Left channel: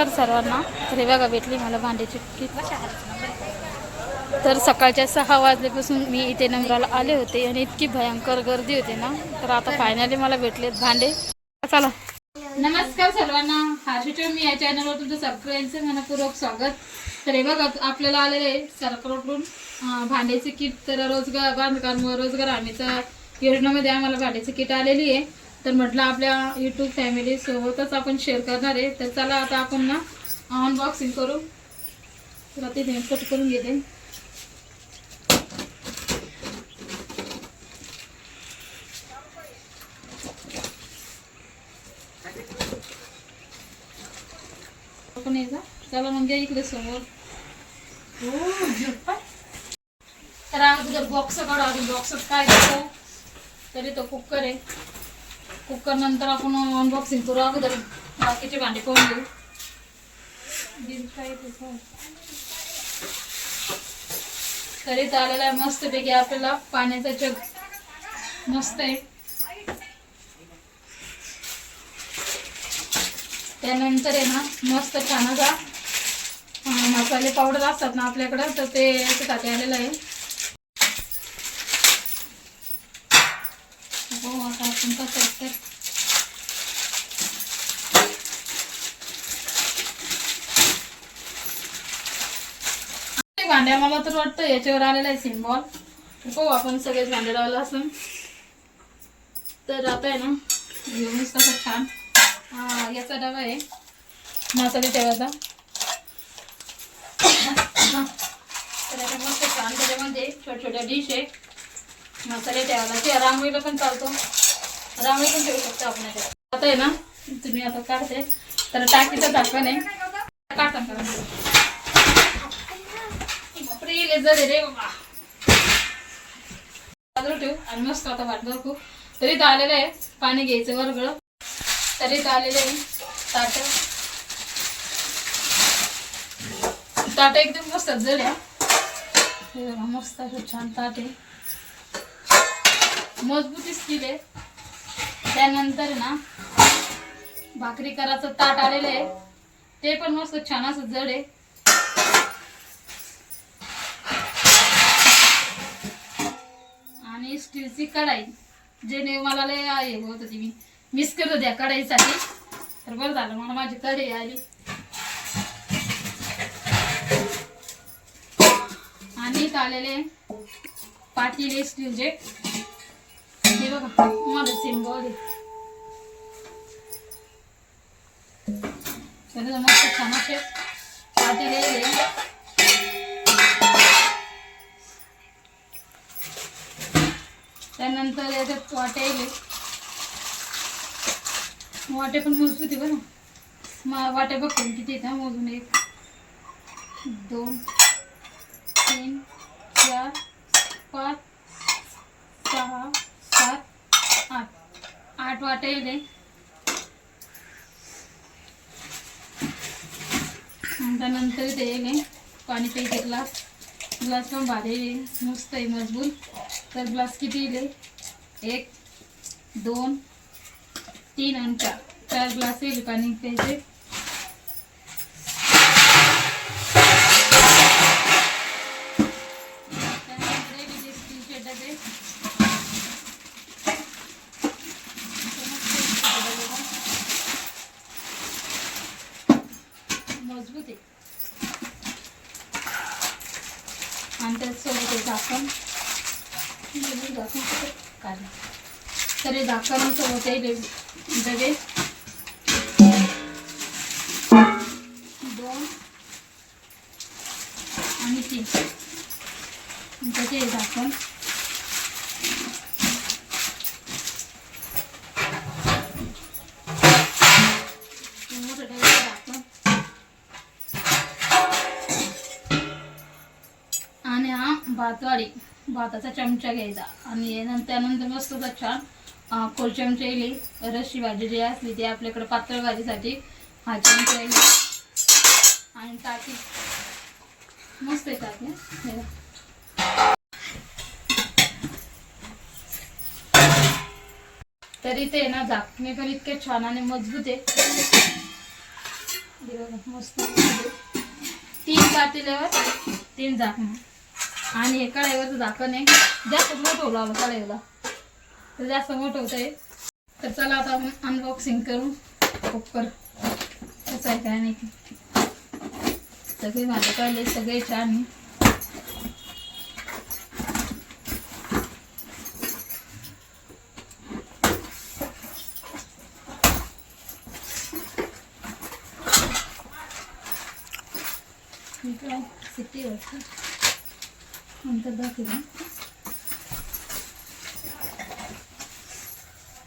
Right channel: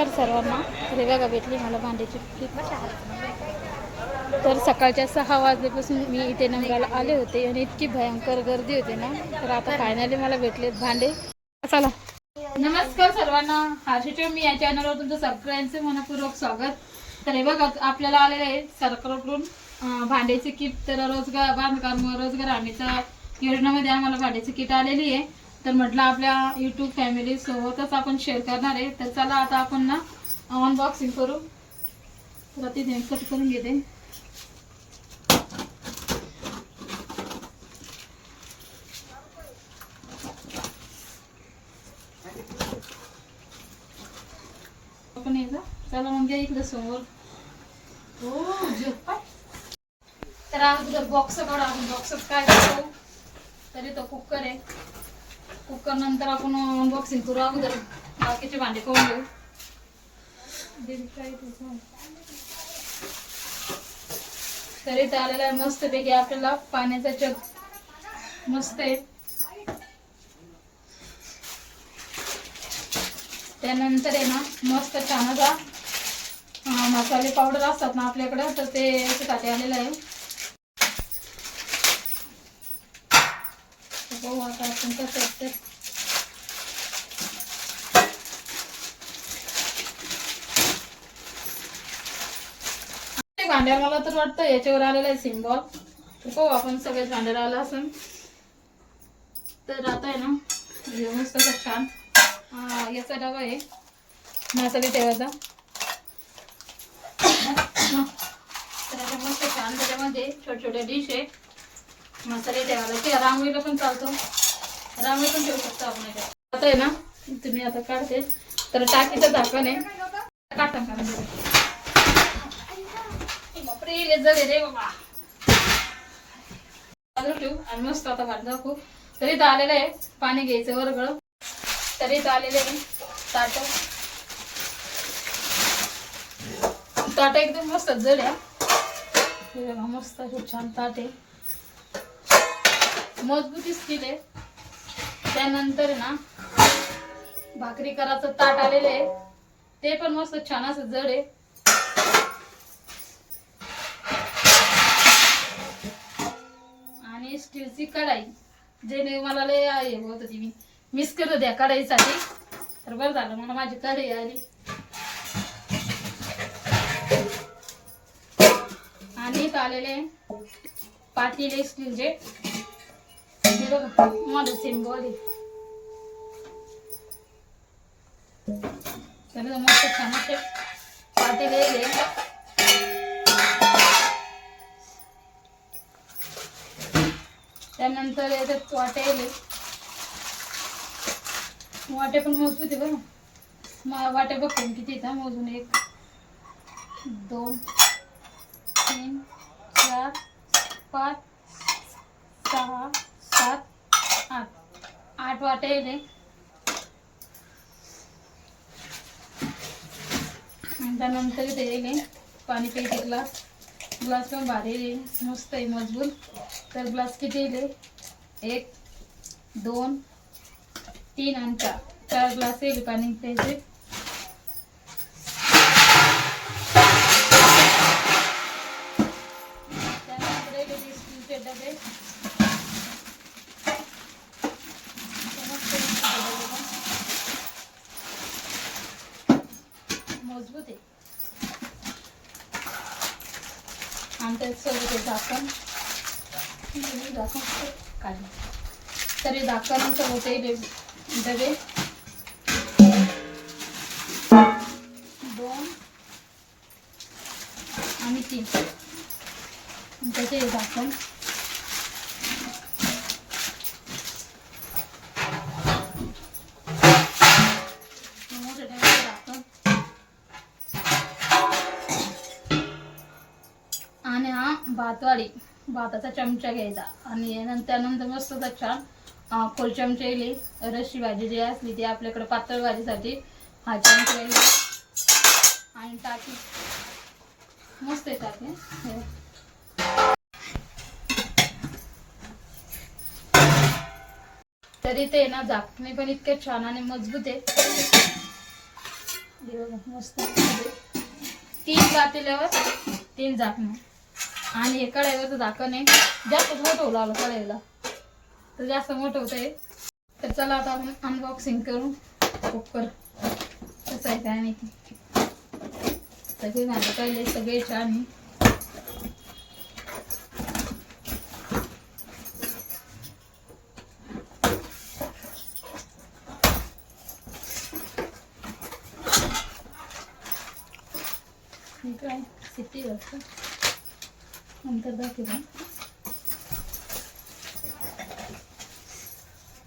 नमस्कार सर्वांना. तर हे बघा मला भांड्याची किट तर सकाळच्या सहा वाजल्यापासून मी इथे नंबराला आले होते आणि इतकी भयंकर गर्दी होती ना. तर आता फायनली मला भेटलेत भांडे. चला. नमस्कार सर्वांना. हर्षिट मी या चॅनलवर तुमचं सगळ्यांचे मनपूर्वक स्वागत. तर हे बघा आपल्याला आलेलं आहे सरकारकडून भांड्याचे किट. तर रोजगार बांधकाम रोजगार हमीचा योजनेमध्ये आम्हाला भांड्याची किट आलेली आहे. तर म्हटलं आपल्या युट्यूब फॅमिली सोबतच आपण शेअर करणार आहे. तर चला आता आपण ना अनबॉक्सिंग करू. तर तिथे कट करून घेते. पण एकदा चला मग घ्या इकडे समोर. तर अगोदर बॉक्स काढू अजून बॉक्स काय घेतो तरी तो कुकर आहे. कुकर नंतर आपण अनबॉक्सिंग करू अगोदर. बाकीचे भांडे पाहून घेऊ. तरी तर आलेला आहे मस्तपैकी आपल्याला. पाण्याचा जग मस्त आहे. त्यानंतर आहे ना मस्त छान असा मसाले पावडर असतात ना आपल्याकडं तर ते याच्यासाठी आलेलं आहे तर बघू आता आपण कसं तर ते भांड्या मला तर वाटतं याच्यावर आलेला आहे सिम्बॉल पाहू आपण सगळेच भांडे लावलं असून. तर आता आहे ना घेऊनच कसं छान. हा, याचा डबा आहे. मसाले ठेवायचा तर आता मस्त छान त्याच्यामध्ये छोट्या छोट्या डिश आहे. मसाले ठेवायला. ते रांगोळीला पण चालतो. रांगोळी पण ठेवू शकतो आपण याच्यात. आता आहे ना तुम्ही आता काढते. तर टाकीचं झाकण आहे. काटून काढून बापरे लय रे बाबा. ठेवू. आणि मस्त आता वाटलं खूप. तरी तर आलेलं आहे. पाणी घ्यायचं वरगळ. तरी तर आलेलं आहे. ताट. ताट एकदम मस्त जड आहे. हे बघा मस्त असं छान ताट आहे. मजबूती स्टील आहे त्यानंतर ना भाकरी कराचं ताट आलेलं आहे. ते पण मस्त छान असं जड आहे. आणि स्टीलची कढाई जे मला लय आहे होत होती मी. मिस करत होत्या कढाईसाठी. तर बरं झालं मला माझी कढई आली. आणि आलेले पाटील स्टीलचे बघा माझं सिम्बॉल आहे तर मस्त छान असे पाटील आहे त्यानंतर याच्यात वाटे आले वाटे पण मोजू ते बरं मा वाटे बघते किती येतात मोजून एक दोन तीन वाटे येते आणि त्यानंतर इथे येईल पाणी प्यायचे ग्लास ग्लास पण भारी मस्त आहे मजबूत. तर ग्लास किती येईल एक दोन तीन आणि चार. चार ग्लास येईल पाणी प्यायचे. त्यानंतर स्टीलचे डबे. मजबूत आहे. आणि त्याच्यासोबत हे झाकण. हे झाकण काढलं. तर हे होते डबे दोन. आणि तीन. त्याचे हे झाकण. भातवाडी भाताचा चमचा घ्यायचा. आणि त्यानंतर मस्त छान खोल चमचा येईल रशी भाजी जी असली ती आपल्याकडे पातळ भाजीसाठी हा चमचा येईल आणि ताकी मस्त आहे तरी ते ना झाकणे पण इतके छान आणि मजबूत आहे. मस्त तीन पातेल्यावर तीन झाकणं. आणि हे कढाईवरचं झाकण आहे जास्त मोठं होऊ लागलं कढाईला. तर जास्त मोठं होत आहे. तर चला आता आपण अनबॉक्सिंग करू. कुकर कसं आहे काय माहिती. सगळे माझे पहिले सगळे छान आहे. काय सिटी वाटतं नंतर बाकी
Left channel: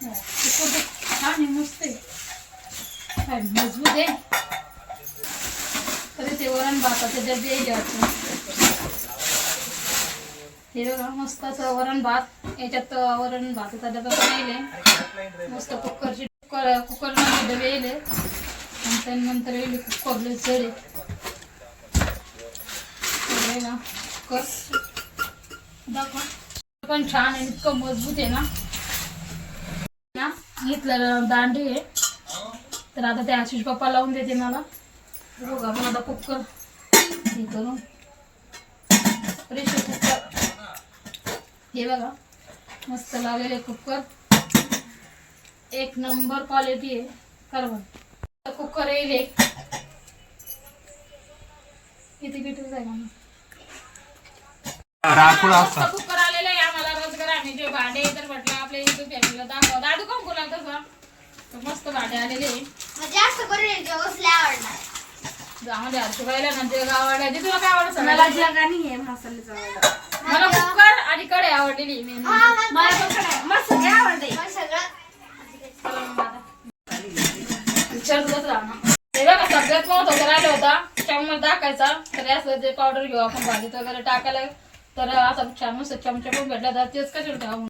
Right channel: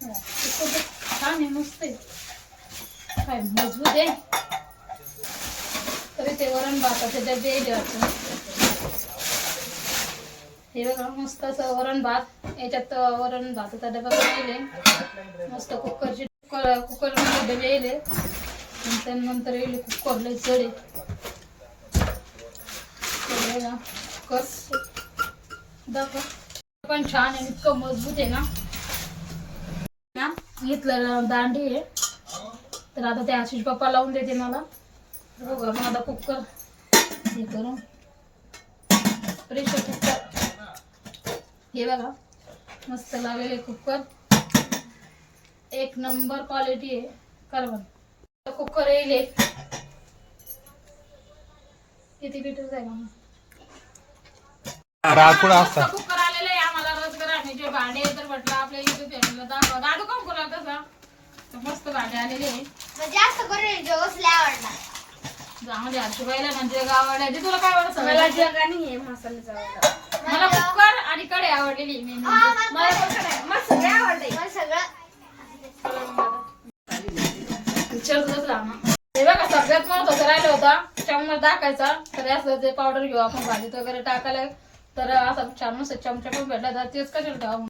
छान आहे मस्त आहे. काय मजबूत आहे. तरी ते वरण भाताचे डबे येईल हे बघा मस्त असं वरण भात. याच्यात वरण भाताचा डबा पण येईल मस्त कुकरची कुकर कुकरमध्ये डबे येईल आणि त्यानंतर येईल कुकरले जडे ना पण छान आहे इतकं मजबूत आहे ना. घेतलं दांडी आहे. तर आता ते आशिष पप्पा लावून देते मला. बघा मग आता कुकर हे करून. Pressure cooker. हे बघा मस्त लावलेले कुकर. एक नंबर क्वालिटी आहे. करवण कुकर येईल एक. किती लिटरचा आहे मग राखोड असता? कुकर आलेलं आहे आम्हाला रोजगार आणि जे भांडे तर म्हटलं आपल्या युट्यूब फॅमिलीला दाखव. दादू काम करू तसं? तर मस्त भांडे आलेले आहे. जास्त करून म्हणजे गावाला जे तुला काय आवडत? मला जगानी आहे मसाल्याचा आवडला मला कुकर आणि कढई आवडलेली म्हणजे. मला पण कडे मला सगळे आवडते. मला सगळं विचारतच राहणार ते बघा सगळ्यात मोठं तर राहिलं होता. चम्मच टाकायचा तर असं ते पावडर घेऊ आपण भाजीत वगैरे टाकायला. तर असं छान मस्त चमचा पण भेटला तर तेच कशाला ठेवा